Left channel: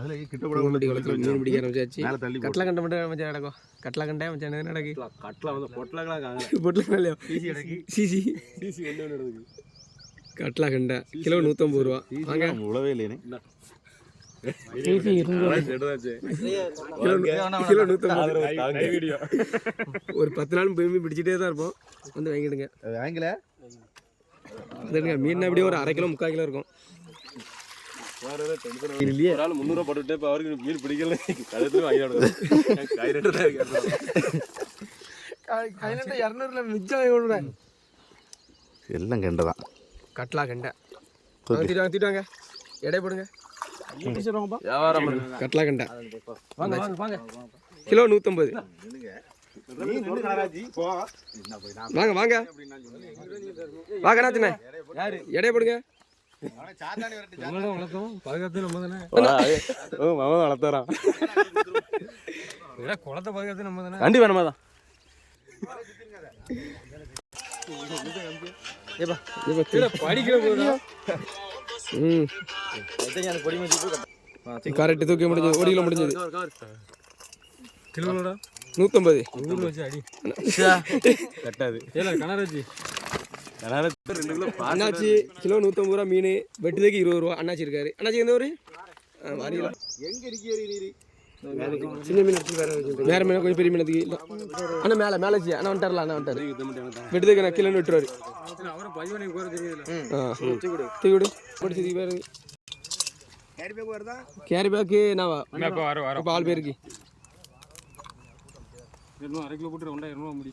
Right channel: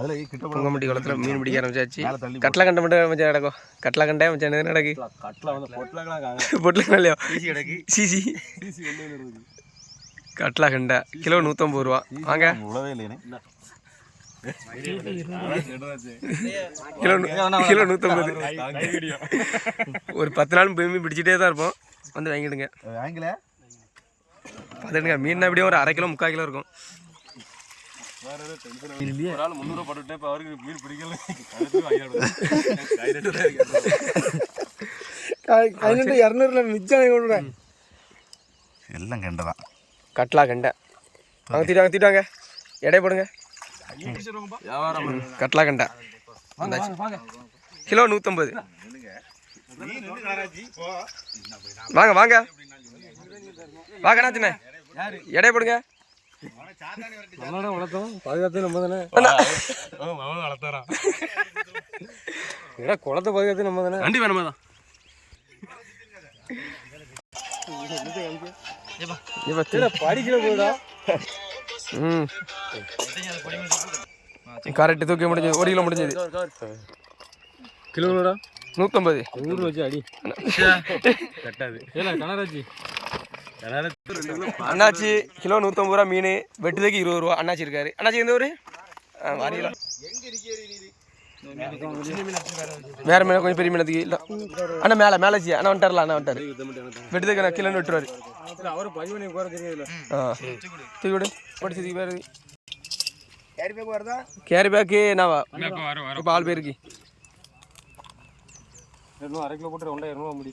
அதுல கிட்ட புங்கம்பட்டி குளத்தில் மீன் பிடிக்க ஆரம்பிச்சாச்சு. கட்லா கண்டை மட்டும் மச்சான் கிடக்கும் கட்லா கண்டை மச்சான் என்ன நடக்கு? கட்டில வந்து பொட்டலாம் காங்க பொட்டலாம் இல்லையா? CC CC. கட்லா கண்டை. கிலோ நூற்றம்பது ரூபா. வாங்க. உழவே இல்லையே. கிலோ கிலோ நூற்றம்பது ஒரு பத்து நாள் மீன் பிடிச்சிட்டே தான் இருப்போம். வந்து வாங்கிடுங்க. வாங்கல. பார்த்துடுங்க மீன் எப்படியும் ஒரு அரை கிலோ முக்கால் கிலோ இருக்கும். இல்லையே. ஒரு ஆள் முந்நூறுவா போட்டுட்டே இப்போ அவருக்கு மீன் பிடிக்கல. கழுத்து வாங்கிடுது தான் இரநூறுல மிச்சம் எல்லாம் கெண்டதான் கட்லா கண்டை. வாங்க தீட்டாங்க தீட்டாங்க எடை போடுங்க. வியாபாரம் கட்லா கண்டை. கிலோ நூற்றம்பது வாங்க வாங்க. வாங்க அண்ணாச்சிண்ணே எடை போடுங்க. வளர்த்தோம் பாதுகாத்து நம்ம தானே. மாமா வளர்த்தாரா ஏடா குளத்தை பாதுகாத்து நம்ம தானே. வண்டி வேணுமா தான் கரெக்டு தூக்கி முடிஞ்சது ஒரு கிலோ முடிஞ்சது. கிலோடா நூற்றம்பது ஊர்ல வச்சு அடி. கட்டாது. கனராஜி அண்ணாச்சி கிலோ நூற்றம்பது ரூபா மீன் வெட்டுதைக்கு இருபது ரூபா. அண்ணாச்சி இருக்காரு. அண்ணாச்சி எந்த ஊர்? வாரிகளா வேற மீன் கொஞ்சம் பெரிய மீனத்துக்கு இல்லை. அண்ணா மேலே மேலே சி அண்ணா வந்துட்டார்ல அண்ணா வந்துட்டார். வெட்டுதைக்கு நான் கிலோன்னு விட்டுருவாரு. ஆ. தூக்கி விடு. படிச்சதுக்கு பேர் கேரி பேக்கு நான் இப்போ ஆள் பேருக்கு. இன்னும் அரை கிலோ போட்டு ரெண்டாயிரம் ரூபா முடி